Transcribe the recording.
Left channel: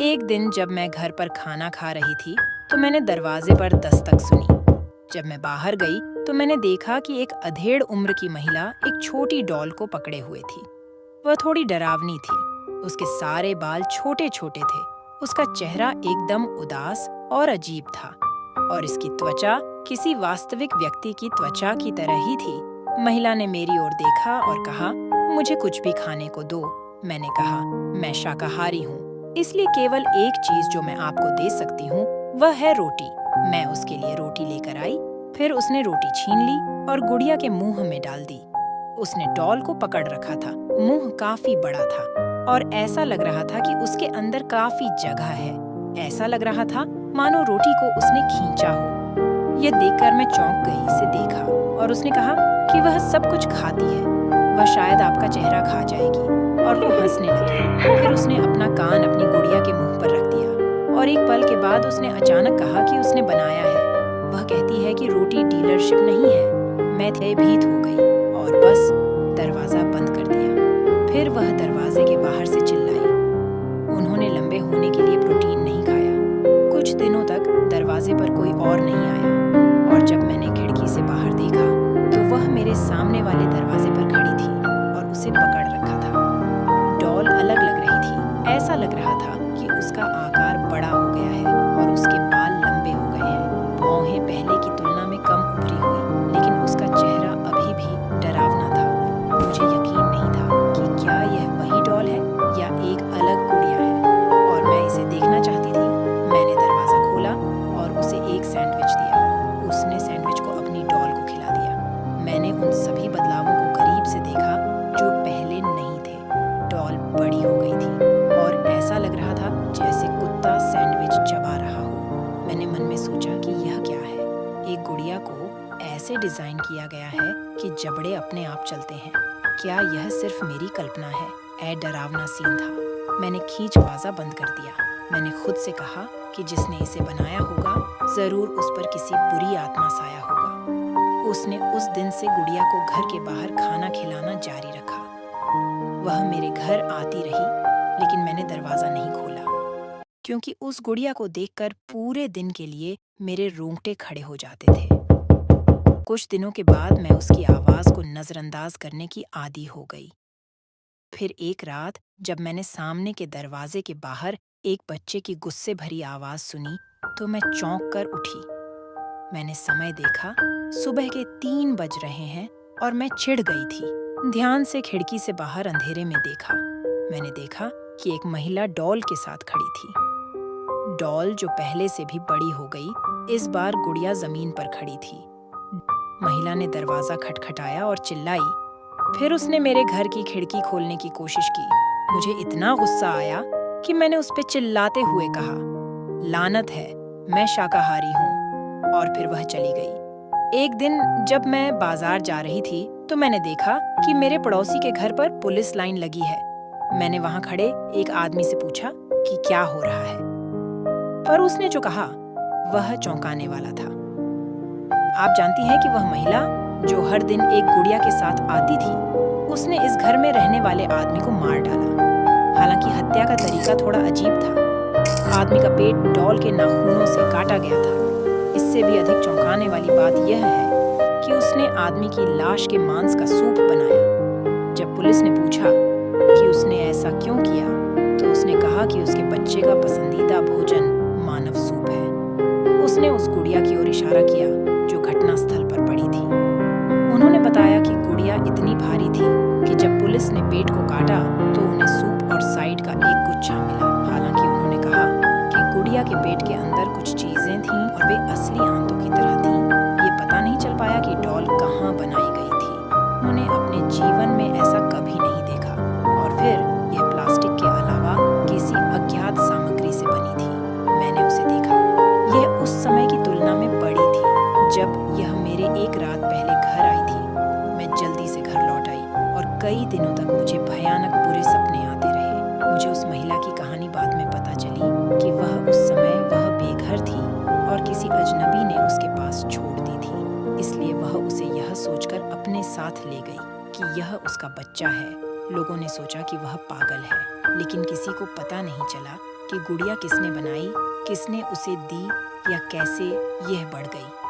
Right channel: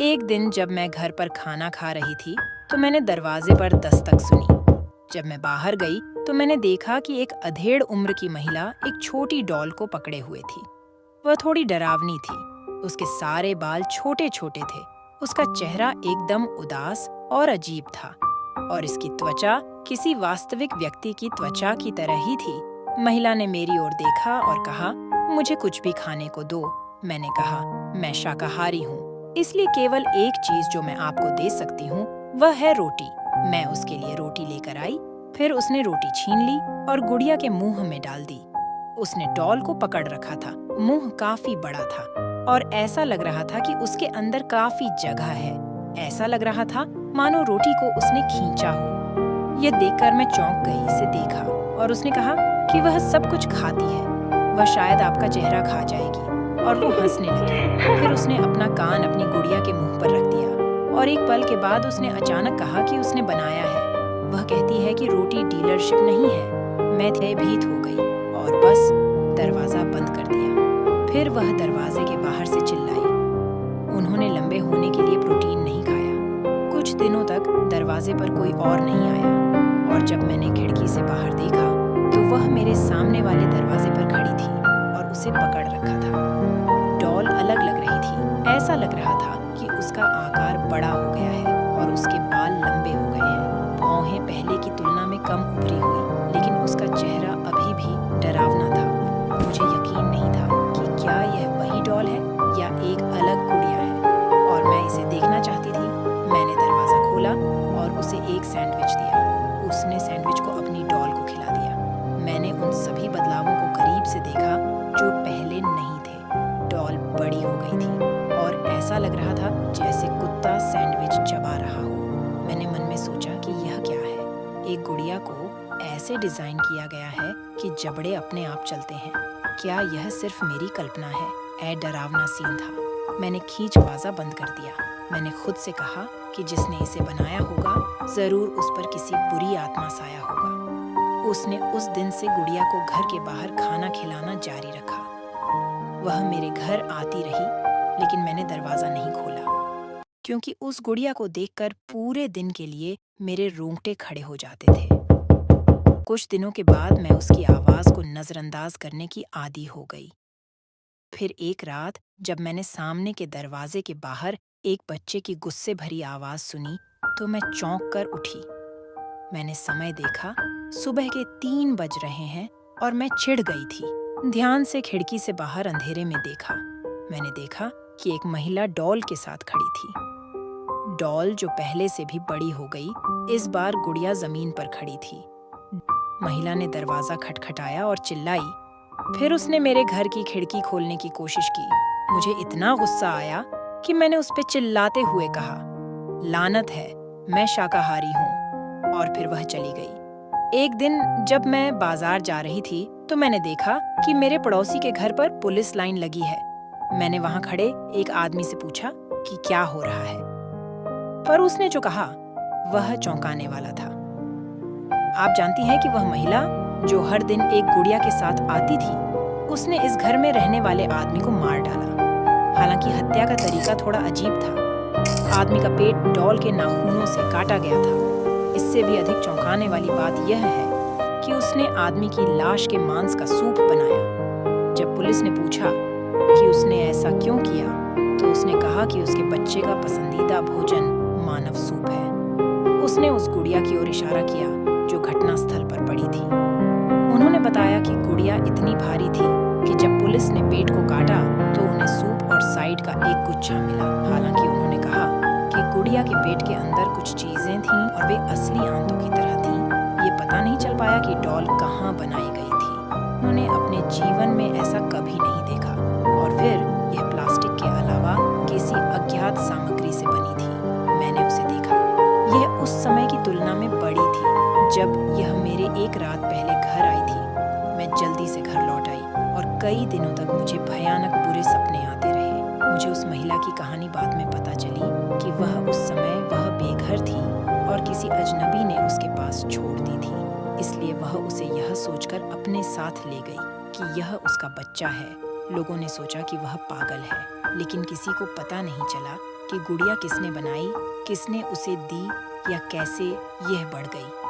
एक दिन जब मैं घर पर खाना खा रही थी, तो मैंने दरवाजे पर दस्तक सुनी। जब मैं बाहर गई, तो मैंने देखा कि एक अधेड़ उम्र की महिला एक छोटी डॉल को पकड़े हुए थी। वह थोड़ी डरावनी थी। उसके सारे बाल छोटे छोटे थे। उसका चेहरा एकदम उदास और अजीब था, और इसकी त्वचा किसी वास्तविक व्यक्ति की त्वचा की तरह ही थी। महिला ने मेरी ओर देखा और कहा, मुझे कुछ भी खाने को दो। मैंने कहा, मैं शाकाहारी हूँ, इसलिए केवल एक चीज जो मैं आपको दे सकती हूँ वह है रोटी। मैं उसके लिए रोटी लेकर आई। फिर उसने रोटी छीन ली और गुड़िया के मुंह में डाल दी। उसने डॉल को पकड़ रखा था। मुंह काफी बड़ा था और ऐसा लग रहा था कि उसके अंदर काफी जगह है। ऐसा लग रहा था मानो रोटी को उसने खींचा हो। यह देखकर मैं चौंक गई। इसे देखा और उसने कहा कि वह सब कुछ खाती है। वह शायद आपका चेहरा खा जाएगी। और वो हंसने लगी। फिर उसने अपना कान अपनी गुड़िया के मुंह पर रख दिया और एक पल के बाद उसने अचानक कहा कि उसने बनाया है। वह कहती है कि रोटी डीलरशिप नहीं है। मैं भयभीत हो गई और बस दरवाजा बंद कर दिया। फिर वह दरवाजे के बाहर से चिल्लाई, उन्होंने लंबे होने के लिए प्रोटीन नहीं खाया। कुछ दिनों तक दरवाजे पर कोई और नहीं आया, और जब मैंने खिड़की से बाहर देखा तो वह मेरे सामने वाले दरवाजे पर खड़ी थी और उसे पकड़ रखा था। डॉल अलग लग रही थी। ऐसा लग रहा था कि उसका आकार बड़ा हो गया है और उसके बाल लंबे हो गए हैं। भौहें पहले की तुलना में कम उभरी हुई, लेकिन उसका चेहरा अभी भी डरावना था। मुझे यकीन नहीं था कि क्या यह वही डॉल है या एक अलग गुड़िया है, और मैं इसे देखना चाहती थी। मैंने दरवाजा खोला और उसे एक सैंडविच दिया। उसने सैंडविच को अपनी डॉल को खिला दिया। मैंने उन सभी बदलावों को करीब से देखा जो पहले नहीं थे। डॉल बड़ी हो गई थी और ऐसा लग रहा था जैसे कुत्ता सैंडविच चबा रहा हो। मैंने मन में सोचा कि यह क्या है। एक गुड़िया को ऐसे डिजाइन किया गया है कि जबड़े अपने आप चलते हैं। क्या यह सिर्फ मेरी कल्पना है? ऐ डरावना सीन था। मैंने खींचवाजा बंद कर दिया। मैंने खुद से कहा कि जिसने इसे बनाया होगा जरूर उस पर किसी बुरी आत्मा साया होगा। उसने उस दिन से गुड़िया को घर के बाहर खाना खिलाना जारी रखा। वह मेरे घर आती रही, लेकिन मैंने दरवाजा नहीं खोला, क्योंकि उस गुड़िया को देखकर पूरे दिन के लिए मेरे रोंगटे खड़े हो जाते थे। कुछ दिनों के बाद मैं उसकी आवाज को नजरअंदाज करने की आदी हो गई। फिर एक रात जब मैंने सामने के दरवाजे के बाहर एक बच्चे की गुस्से भरी आवाज सुनी, तो मैं चौंक कर उठी। मैंने समय देखा, सुबह के 3 बज रहे हैं और मैं चिढ़ गई थी। ध्यान से खिड़की से बाहर अंधेरे में देखा। मैंने देखा कि एक महिला डॉल के साथ खड़ी थी। डॉल जो पहले से भी बड़ी हो गई, इस बार गुड़िया जमीन पर खड़ी थी। महिला ने दरवाजा खटखटाया और चिल्लाई। फिर उसने मेरे घर की खिड़की खोलने की कोशिश की। मुझे इतना गुस्सा आया कि मैंने उस पर चिल्लाते हुए कहा, लानत है, मैं शाकाहारी हूँ। और फिर वह चली गई। एक दिन जब मैं बाजार जा रही थी, तो मैंने देखा कि मेरे पड़ोसी के घर पर पुलिस लाइन लगी है। मैंने वहां खड़े एक आदमी से पूछा कि क्या हो रहा है, पर उसने जो कहा वह चौंकाने वाला था। आप जानती हैं कि वह महिला जो हर दिन एक गुड़िया के साथ आती थी, उसने इस घर में रहने वाले आदमी को मार डाला। हालांकि हत्या का तरीका थोड़ा अजीब था। आदमी का पेट डॉल के नाखूनों से काटा गया था। इससे भी अधिक चौंकाने वाली बात यह है कि उसने आदमी की लाश के मांस का सूप बनाया। जब पुलिस ने पूछा कि उसने ऐसा क्यों किया, तो उसने कहा कि उसके बच्चे का पसंदीदा भोजन मानव सूप है। उसने उस गुड़िया की ओर इशारा किया जो घटना स्थल पर पड़ी थी। उन्होंने बताया कि गुड़िया इतनी भारी थी कि जब पुलिस ने पेट को काटा तो उन्हें सूप और साइड का एक गुच्छा मिला। हालांकि उन्होंने कहा कि गुड़िया के पेट के अंदर कुछ चीजें थीं और वे असली आंतों की तरह थीं। ये पता नहीं चल पाया कि डॉल कहाँ बनाई गई थी। उन्होंने अपने जीवन में ऐसा कभी नहीं देखा। और फिर यह प्लास्टिक के अलावा किसी अज्ञात सामग्री से बनी थी। मैंने उसे देखा। यह उस समय की तुलना में बड़ी थी जब यह मेरे एक रात पहले घर आई थी। मैं जल्दी से घर लौट आई और कई दिनों तक मुझे भयानक बुरे सपने आते रहे। मुझे उस महिला की कहानी बाद में पता चली कि वह उस समय वह बेघर थी और किसी अजनबी ने उसके पास छोड़ दी थी। इसलिए वह उसे यह सोचकर अपने साथ ले गई कि यह उसका बच्चा है। लोगों ने सोचा कि वह पागल है, लेकिन किसी को पता नहीं चला कि गुड़िया किसने बनाई, किसने उसे दी या कैसे, यह बढ़ गई।